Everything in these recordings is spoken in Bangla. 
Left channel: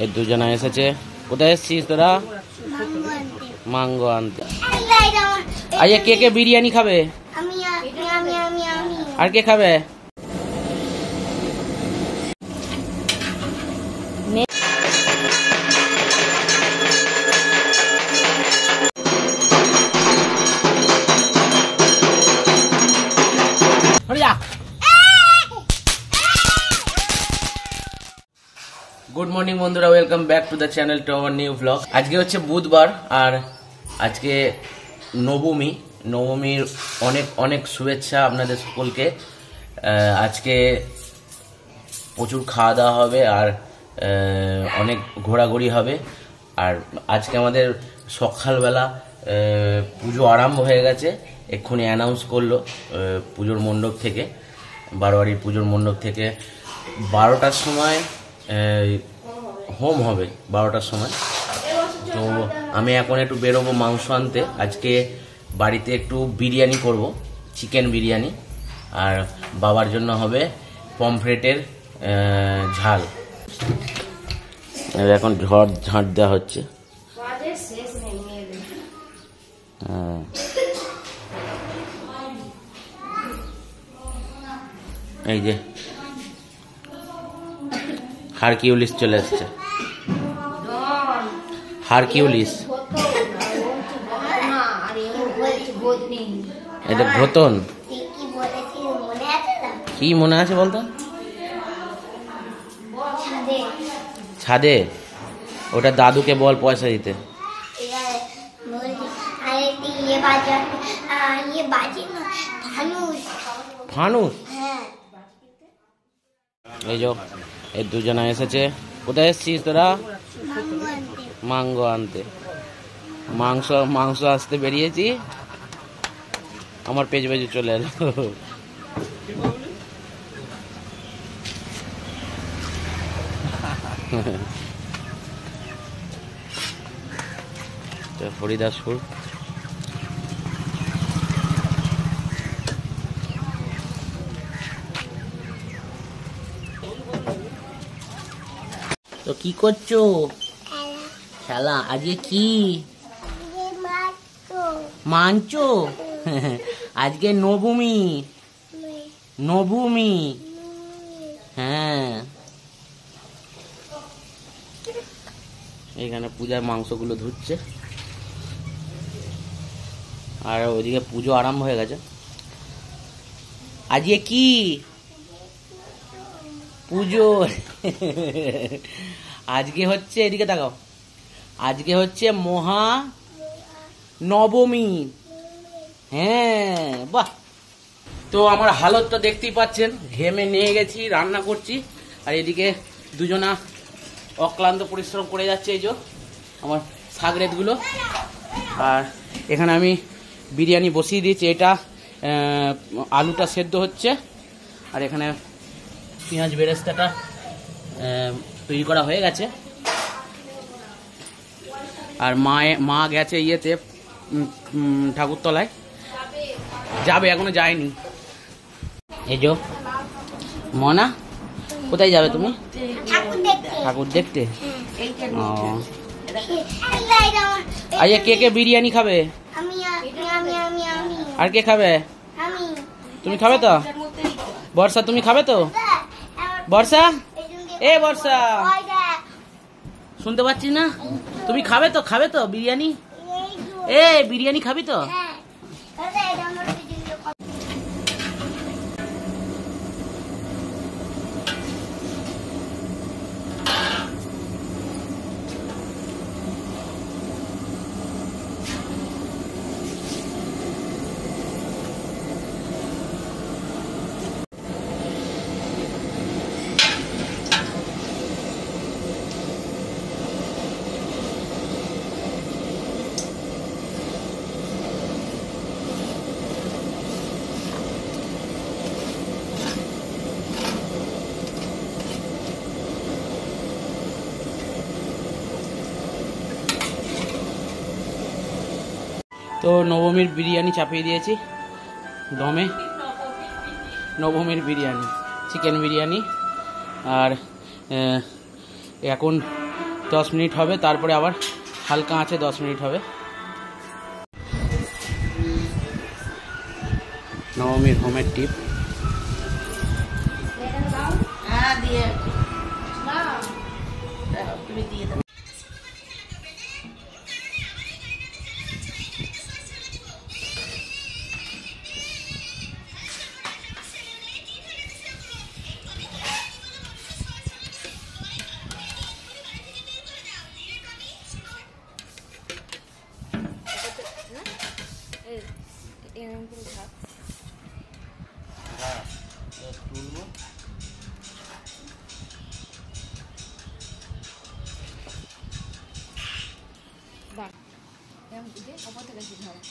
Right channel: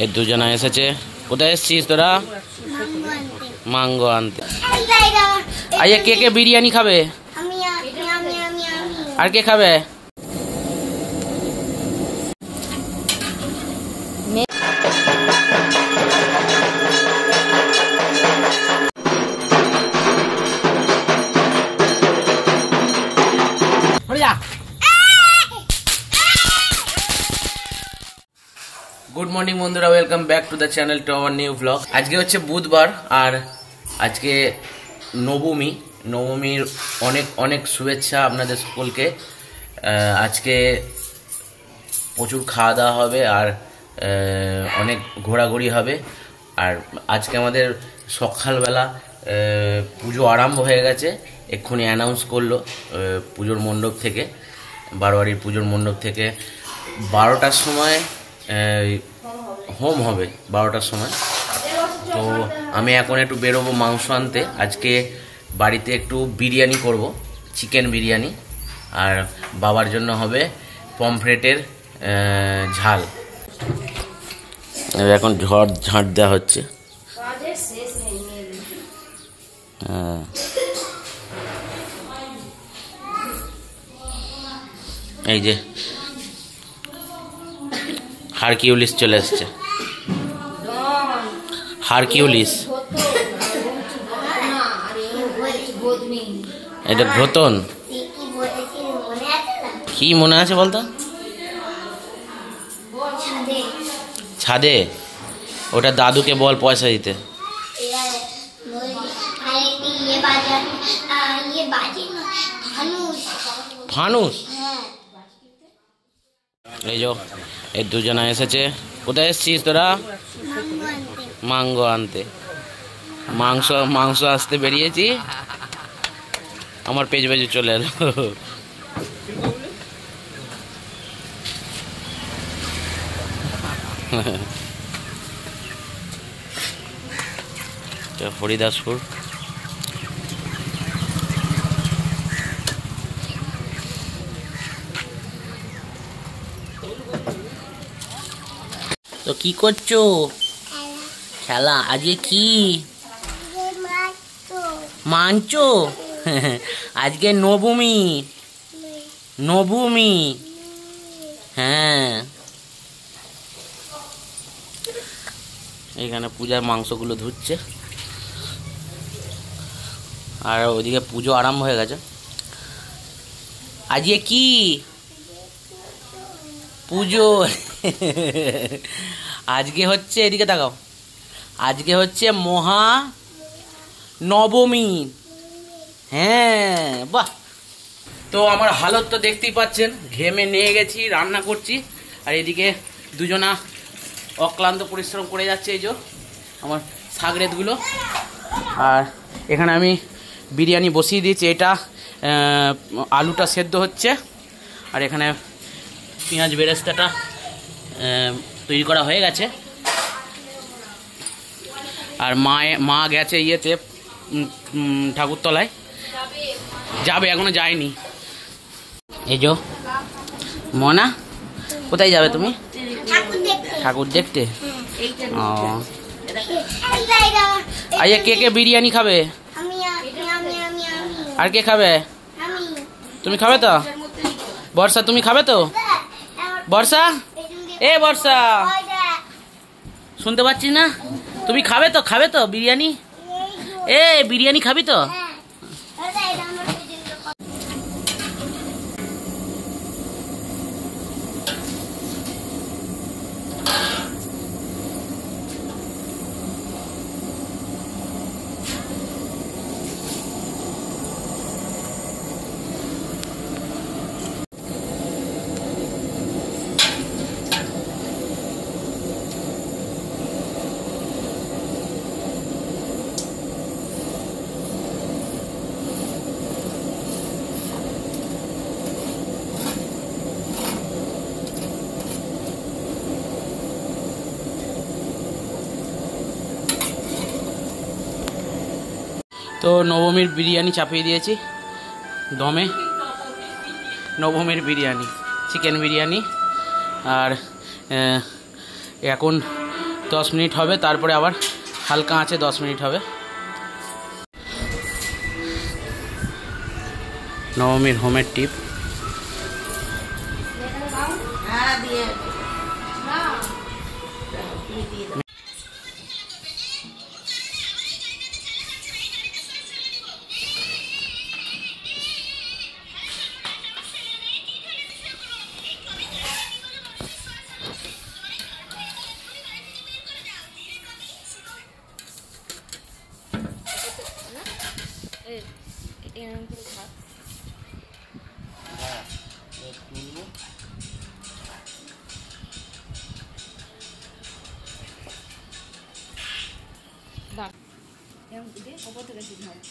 এই দুজনা এসেছে। কোথায় এসেছিস তোরা? মাঙ্গো আনতে। আচ্ছা, কে কে বিরিয়ানি খাবে? আর কে খাবে? গুড মর্নিং বন্ধুরা, welcome back to the channel to our new blog. আজকে হচ্ছে বুধবার আর আজকে নবমীর অনেক অনেক শুভেচ্ছা আপনাদের সকলকে। আজকে প্রচুর খাওয়া দাওয়া হবে আর অনেক ঘোরাঘুরি হবে। আর আজকে আমাদের সকালবেলা পুজো আরম্ভ হয়ে গেছে, এক্ষুনি অ্যানাউন্স করলো পুজোর মণ্ডপ থেকে, বারোয়ারির পুজোর মণ্ডপ থেকে 12টার সময় হোম হবে, 12টার সময়। তো আমি এখন একটু বেরোবো মাংস আনতে। আজকে বাড়িতে একটু বিরিয়ানি করব, চিকেন বিরিয়ানি, আর বাবার জন্য হবে পমফ্রেটের ঝাল। এখন ঝাঁট দেওয়া হচ্ছে। এই যে হারকিউলিস চলে এসছে। হারকিউলিস, এটা ঘোতন। কি মনে আছে বলতো? ছাদে, ওটা দাদুকে বল পয়সা দিতে। ফানুস। এই যে এই দুজনা এসেছে। কোথায় এসেছিস তোরা? মাঙ্গো আনতে। মাংস আসতে বেরিয়েছি, আমার পেজ চলে এলো। হরিদাসপুর। তো কি করছো? খেলা। আজকে কি মানছো? আজকে নবমী। হ্যাঁ, এখানে পূজার মাংসগুলো ধুচ্ছে আর ওইদিকে পুজো আরম্ভ হয়ে গেছে। আজকে কি পুজো? আজকে হচ্ছে, এদিকে তাকাও, আজকে হচ্ছে মহা নবমী। হ্যাঁ, বাহ। তো আমার হালত তো দেখতেই পাচ্ছেন, ঘেমে নিয়ে গেছি, রান্না করছি, আর এদিকে দুজনা অক্লান্ত পরিশ্রম করে যাচ্ছে। এই যে আমার শাগরেদগুলো, আর এখানে আমি বিরিয়ানি বসিয়ে দিয়েছি। এটা আলুটা সেদ্ধ হচ্ছে, আর এখানে পেঁয়াজ বেরেস্তাটা তৈরি করা হয়ে গেছে। আর মা গেছে ইয়েতে ঠাকুরতলায়, যাবে, এখনো যায়নি। এই যে মনা, কোথায় যাবে তুমি? ঠাকুর দেখতে। ও আচ্ছা, কে কে বিরিয়ানি খাবে? আর কে খাবে? তুমি খাবে তো? বর্ষা, তুমি খাবে তো? বর্ষা, এ বর্ষা, শুনতে পাচ্ছি না? তুমি খাবে তো বিরিয়ানি? বিরিয়ানি খাবি তো? তো নবমীর বিরিয়ানি চাপিয়ে দিয়েছি দমে। নবমীর বিরিয়ানি, চিকেন বিরিয়ানি। আর এখন 10 মিনিট হবে, তারপরে আবার হালকা আঁচে 10 মিনিট হবে। নবমীর হোমের টিপ। তুলবো ওপর থেকে শুধু হয়।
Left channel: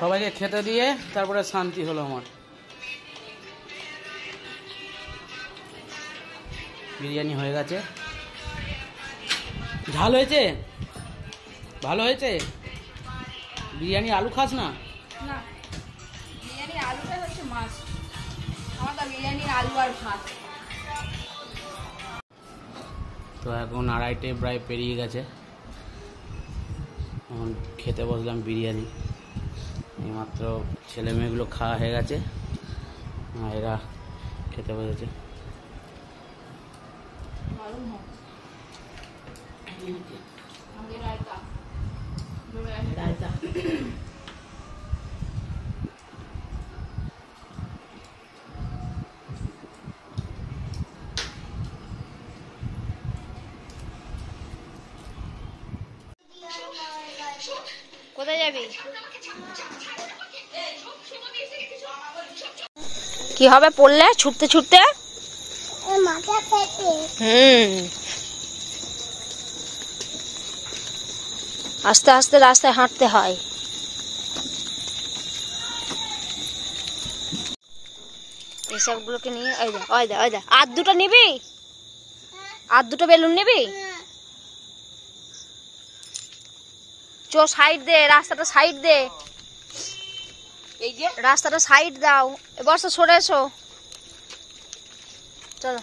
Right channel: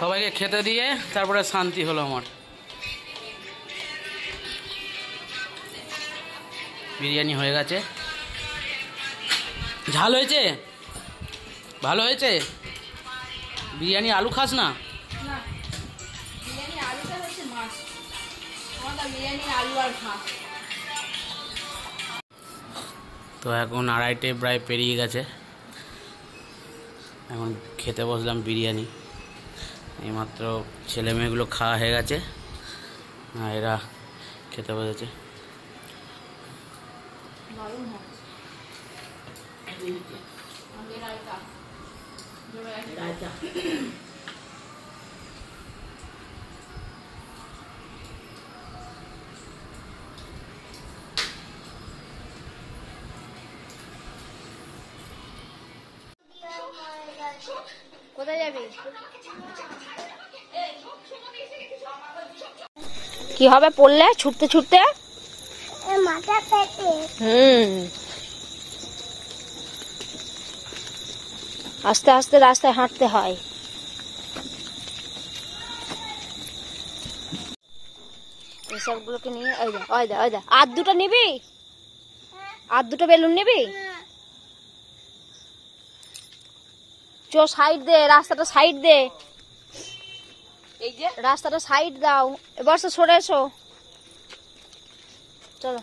সবাইকে খেতে দিয়ে তারপরে শান্তি হলো আমার। বিরিয়ানি হয়ে গেছে। ঝাল হয়েছে, ভালো হয়েছে। বিরিয়ানি আলু খাস না? বিরিয়ানি আলুটা হচ্ছে মাছ, আমার বিরিয়ানি আলু আর ভাত। তো এখন 2:30 প্রায় পেরিয়ে গেছে, এখন খেতে বসলাম বিরিয়ানি। এইমাত্র ছেলে মেয়েগুলো খাওয়া হয়ে গেছে, এরা খেতে বসেছে। কোথায় যাবি? কি হবে পড়লে ছুটতে ছুটতে? আস্তে আস্তে রাস্তায় হাঁটতে হয়। এসবগুলোকে নিয়ে আর দুটো নিবি? আর দুটো বেলুন নিবি? চো সাইড দে, রাস্তাটা সাইড দে, এই যে রাস্তাটা সাইড দাও। এবার সরে এসো, চলো।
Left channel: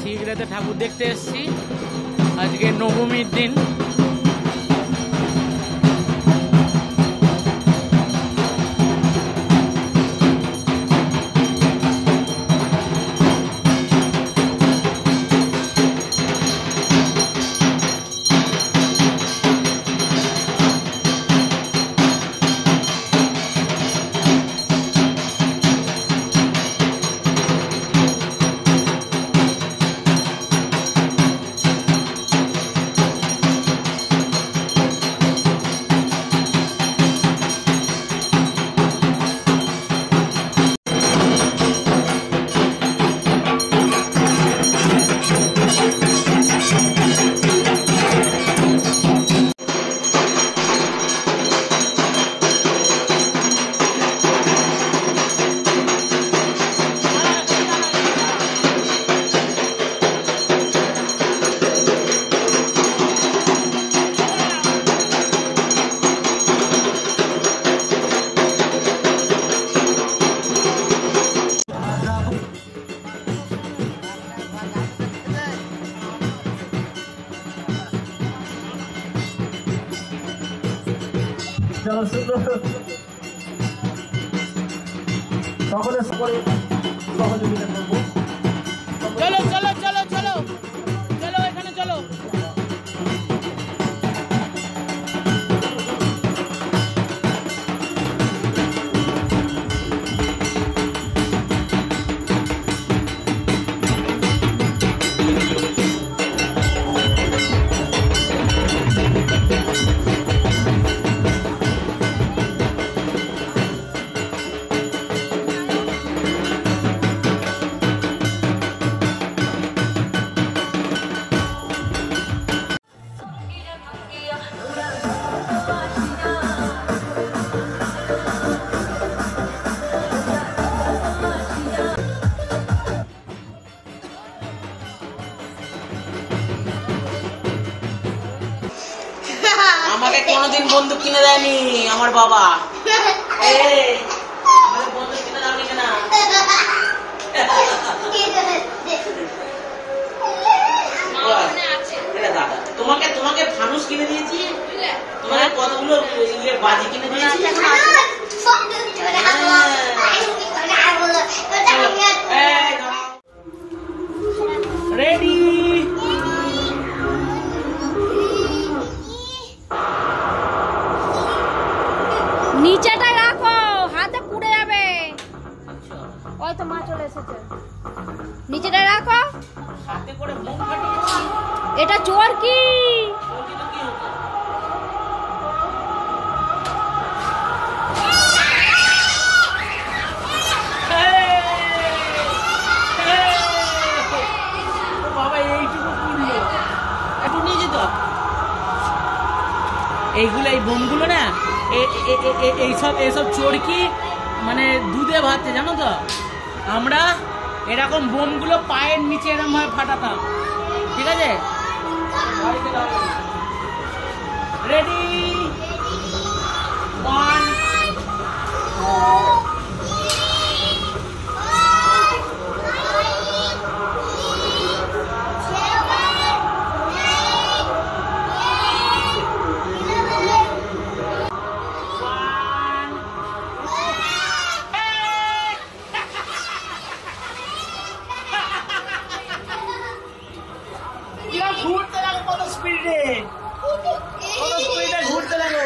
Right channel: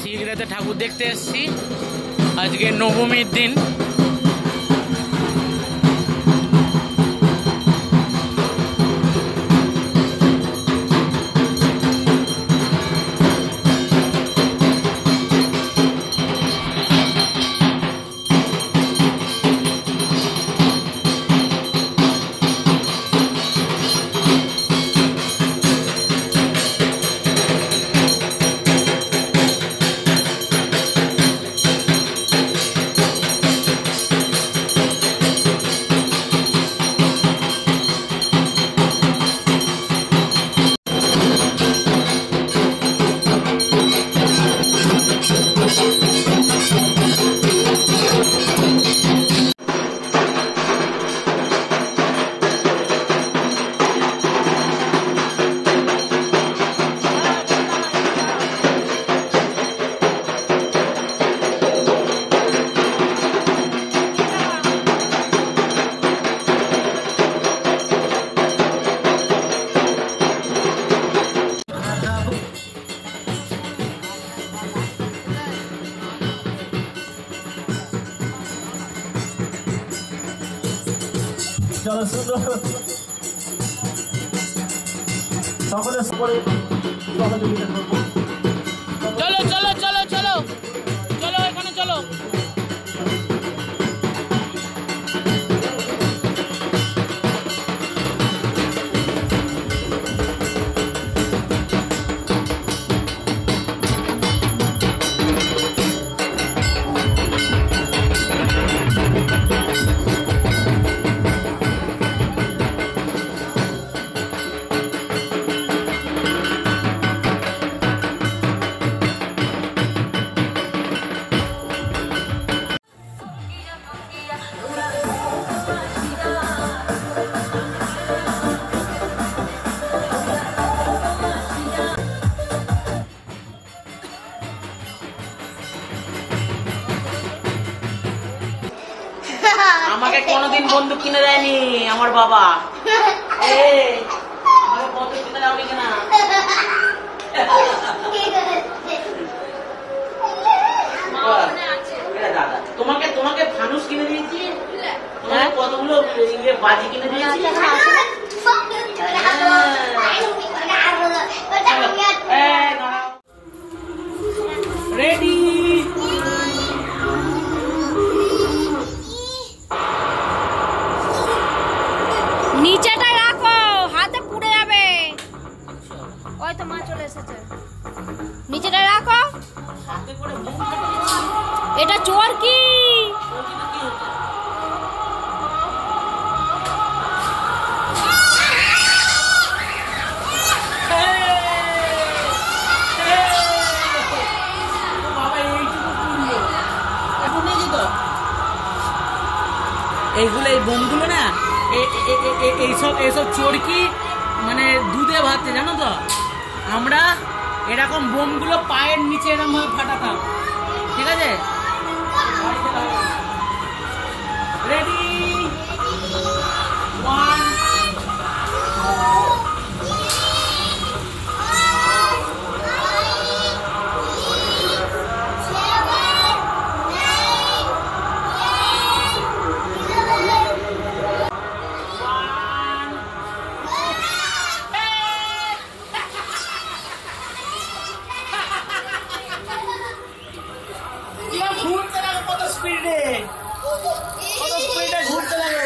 শিগগিরাতে ঠাকুর দেখতে এসেছি, আজকে নবমীর দিন। চলো সুন্দর সকলে সকলে চলো চলো চলো চলো চলো এখানে চলো। আমাকে কোনোদিন বন্দুক কিনে দেয়নি আমার বাবা। বন্দুক কিনে দাওনি কেন? দাদা তোমাকে তোমাকে ফানুস কিনে দিয়েছি, তোমাকে কতগুলো বাজি কিনে দিয়েছি। রেডি নিচেটা রাখো, হাতে পুড়ে যাবে। ওই তো মা চলে এসেছে। নিচেটা রাখো। হাতে করে বোম ফাটিয়েছি। এটা চোর কি? এইগুলো এই বোমগুলো না এইসব চোরকি মানে দুধে ভাতে, জানো তো? আমরা এরকম বোমগুলো পায়ের নিচে এরকম ভাবে ফাটাতাম, ঠিক আছে? রেডি 1 ঘুরতে লাগে কত স্পিডে, কত স্পিডে ঘুরতে লাগে।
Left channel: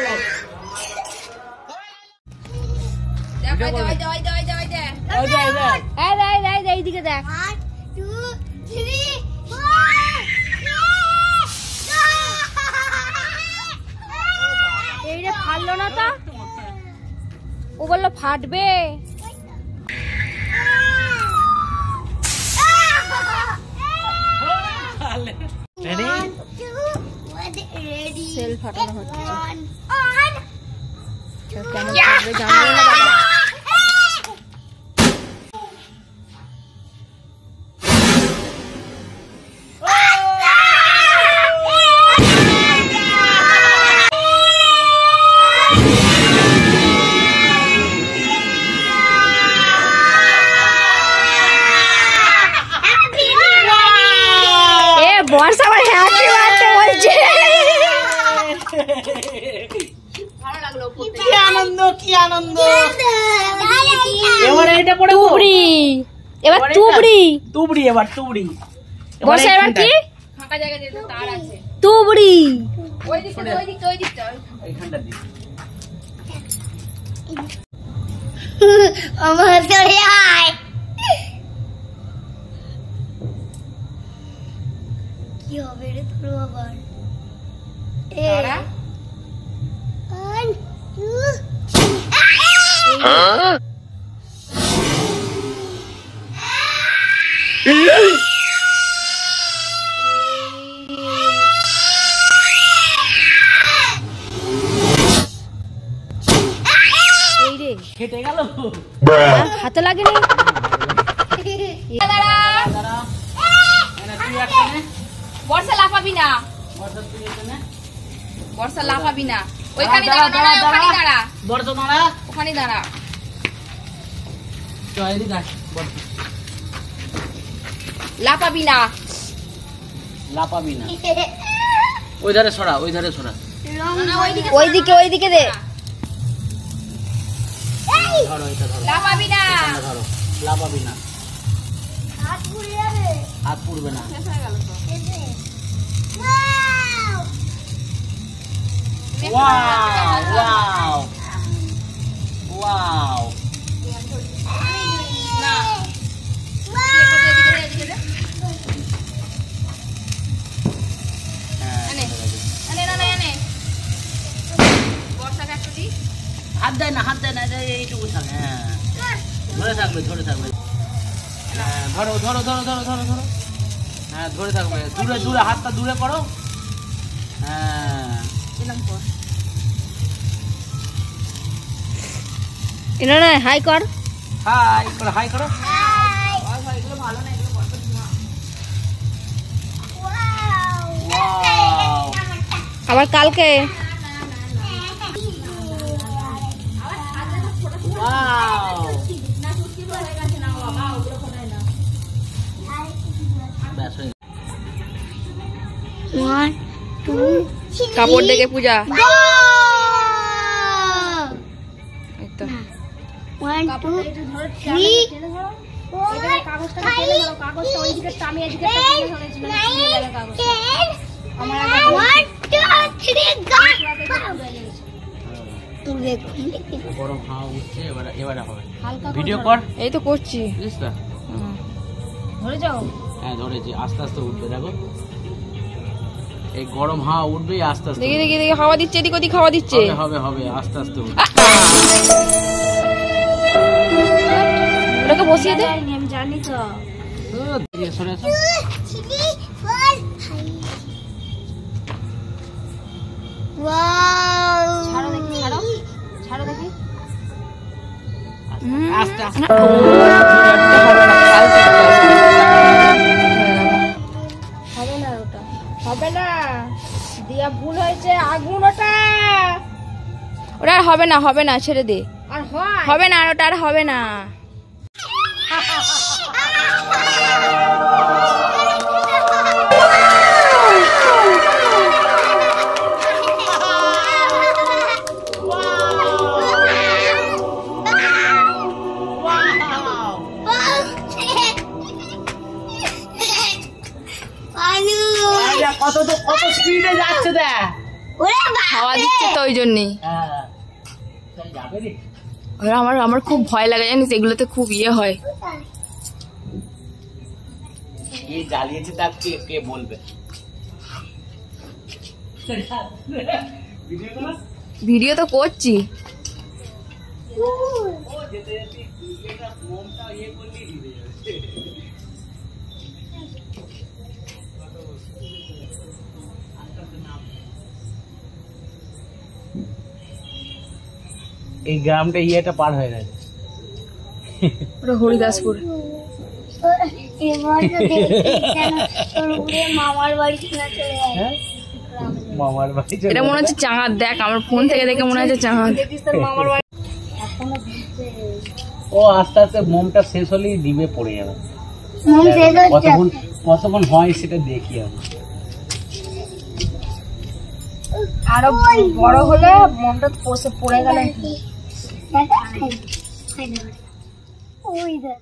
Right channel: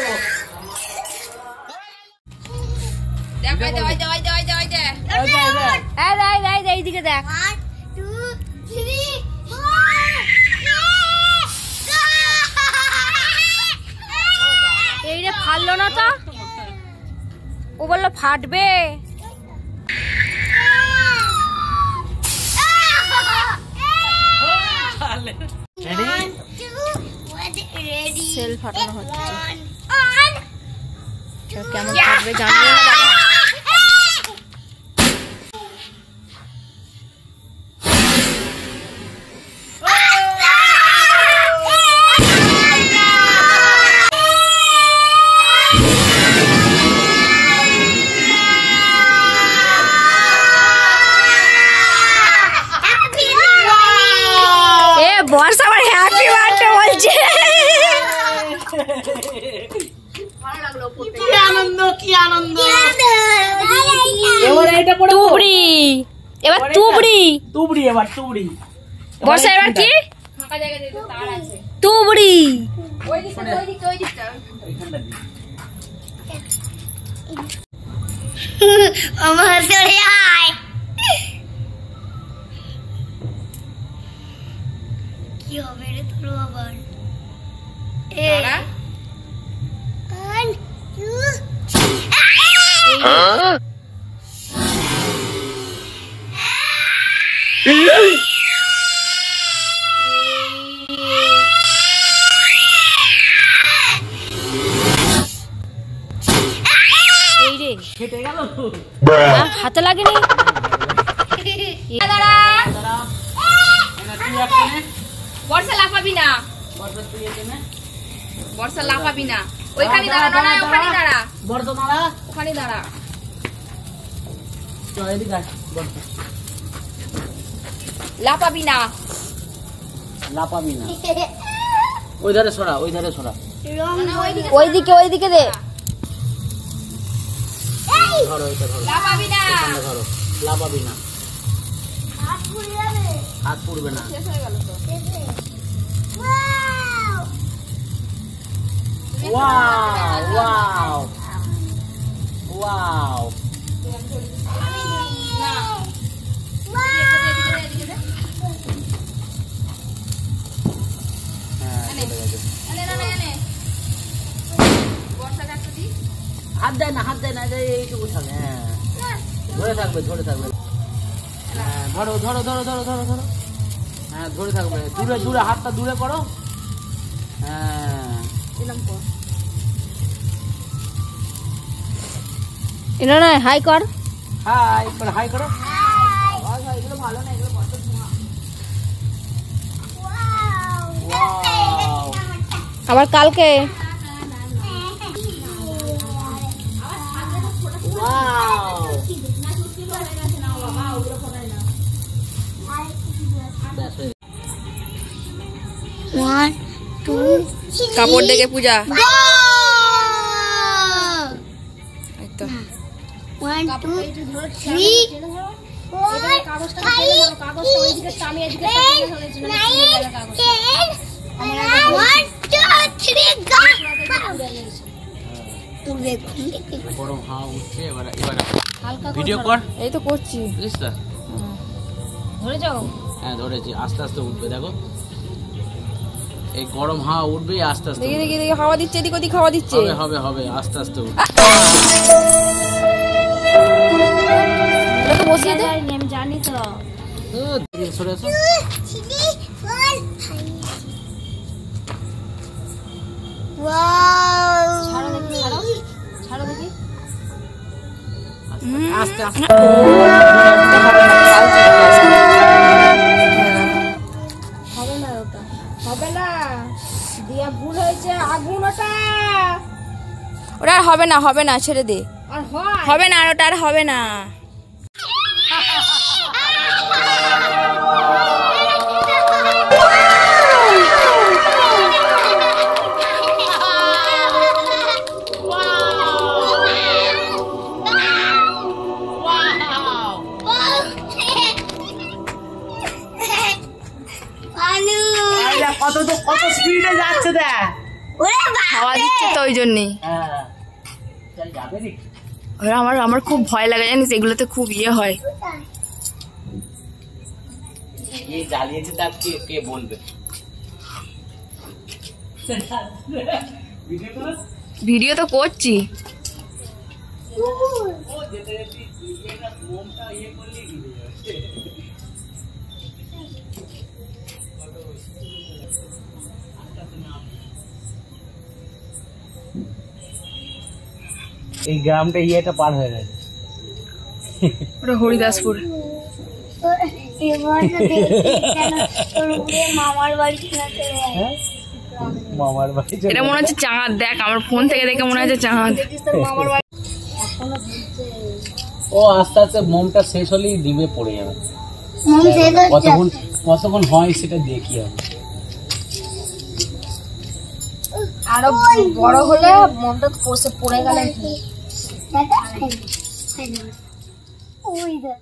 এইদিকে দেখ। এইটা ফাটলো না তো? ও বললো ফাটবে। সেল ফাটানো হচ্ছে, কেমন ফাটবে জানবো না দাদা। বস আমার হ্যাপি বার্থডে বলছে। কি আনন্দ, কি আনন্দ। এবার এটা পড়ে তুবড়ি, এবার তুবড়ি তুবড়ি, এবার তুবড়ি। বর্ষা এবার কি? ফাঁকা জায়গা যেতে তার আছে। তুবড়ি ওই দিকটা, ওই দিকটা, ওই দিকটা, এইখানটা দি। আমার সরে আয়। কি হবে রে তোর আবার? এ 1 2 এই রে কেটে গেল, হাতে লাগেনি। বর্ষা লাফাবি না, বর্ষা লাফাবি না। ওইখানে দাঁড়া, ওখানে দাঁড়া, বর্ষা দাঁড়া, ওখানে দাঁড়া। লাফাবি না, লাফাবি না। ওই ধারে সরা, ওই ধারে সরা। ওইদিকে, ওইদিকে দে। ধরো এটা ধরো, লাফাবি না, এখানটা ধরো, লাফাবি না, হাত পুড়বে না। শেষ হয়ে গেল তো। ওয়াও ওয়াও ওয়াও, না হ্যাঁ এনে এনে এনে বর্ষাকে একটা দি। হাত দেয় না, হাত দেয় না, এইটুকু থাকে। হ্যাঁ ধরে থাকবে, ধরে থাকবে। হ্যাঁ ধরো ধরো ধরো ধরো ধরো ধরো, হ্যাঁ ধরে থাকবে, দূরে দূরে, হাতটা দূরে করো। হ্যাঁ এরকম কর, এনে না হাই কর, হাই করো, হাই করো। এগুলো ভালো না, এগুলো বড় ধোঁয়া। ওয়াও আবার কালকে ওয়াও, ব্যাস হয়ে গেছে। কাপড় দেখে পূজা, তো 1 2 3 কাগজটা টেনে ধরো, কাগজটা ওইদিকে টামি, এদিকে গরম হাওয়া উঠছে, এবার এবার হালকা ভিডিও কর। এই তো করছি, বুঝছ তো? ধরে যাও। হ্যাঁ ধরেছি, আস্তে আস্তে উঠবে, দেখো এই গরম হাওয়া উঠবে, আস্তে আস্তে দেখি দেখি দেখি, হাওয়া দিচ্ছে, এদিক ওদিক হাওয়া দিচ্ছে। হবে হবে হবে, আস্তে আস্তে উঠবে। ওটাকে বসিয়ে দে, আমি জানি তো দিয়ে সরে আসো। ছাড়ো দেখি, ছাড়ো ছাড়ো দেখি। আস্তে আস্তে হবে না ওটা, হবে না, দিয়া ভুল হয়েছে, আগুন ওটা, ওটা আর হবে না, হবে না, ছেড়ে দে, আর হয় হবে না, আর ওটা আর হবে না। কত তো, কত স্পিডে যাচ্ছে দেখ। হাওয়া দিচ্ছে তো ওই জন্যই। হ্যাঁ চল যাবে রে। আমার আমার খুব ভয় লাগে জানিস, এগুলোতে খুব ইয়ে হয়। এই জ্বালিয়েছে, তার কে কে বলবে? ভিডিও তো করছি। এই গ্রামটা ইয়েটা পার হয়ে গেছে। ওটা হরিদাসপুর। মামার বাড়ি চলে হ্যাঁ মামার বাড়ি চলে এটা মনে হচ্ছে চাঁদ, দেখ আমার ফোন থেকে দেখে মনে হচ্ছে চাঁদ। মামার বাড়ি। ও আস্তে আস্তে মোমটা শেষ হলেই ডিবে পড়ে যাবে। যাচ্ছে কতক্ষণ কতক্ষণ হয় সেটা দেখি আমি। আরো বড় হলে মনটা পড়ে গেলে ওই দেখ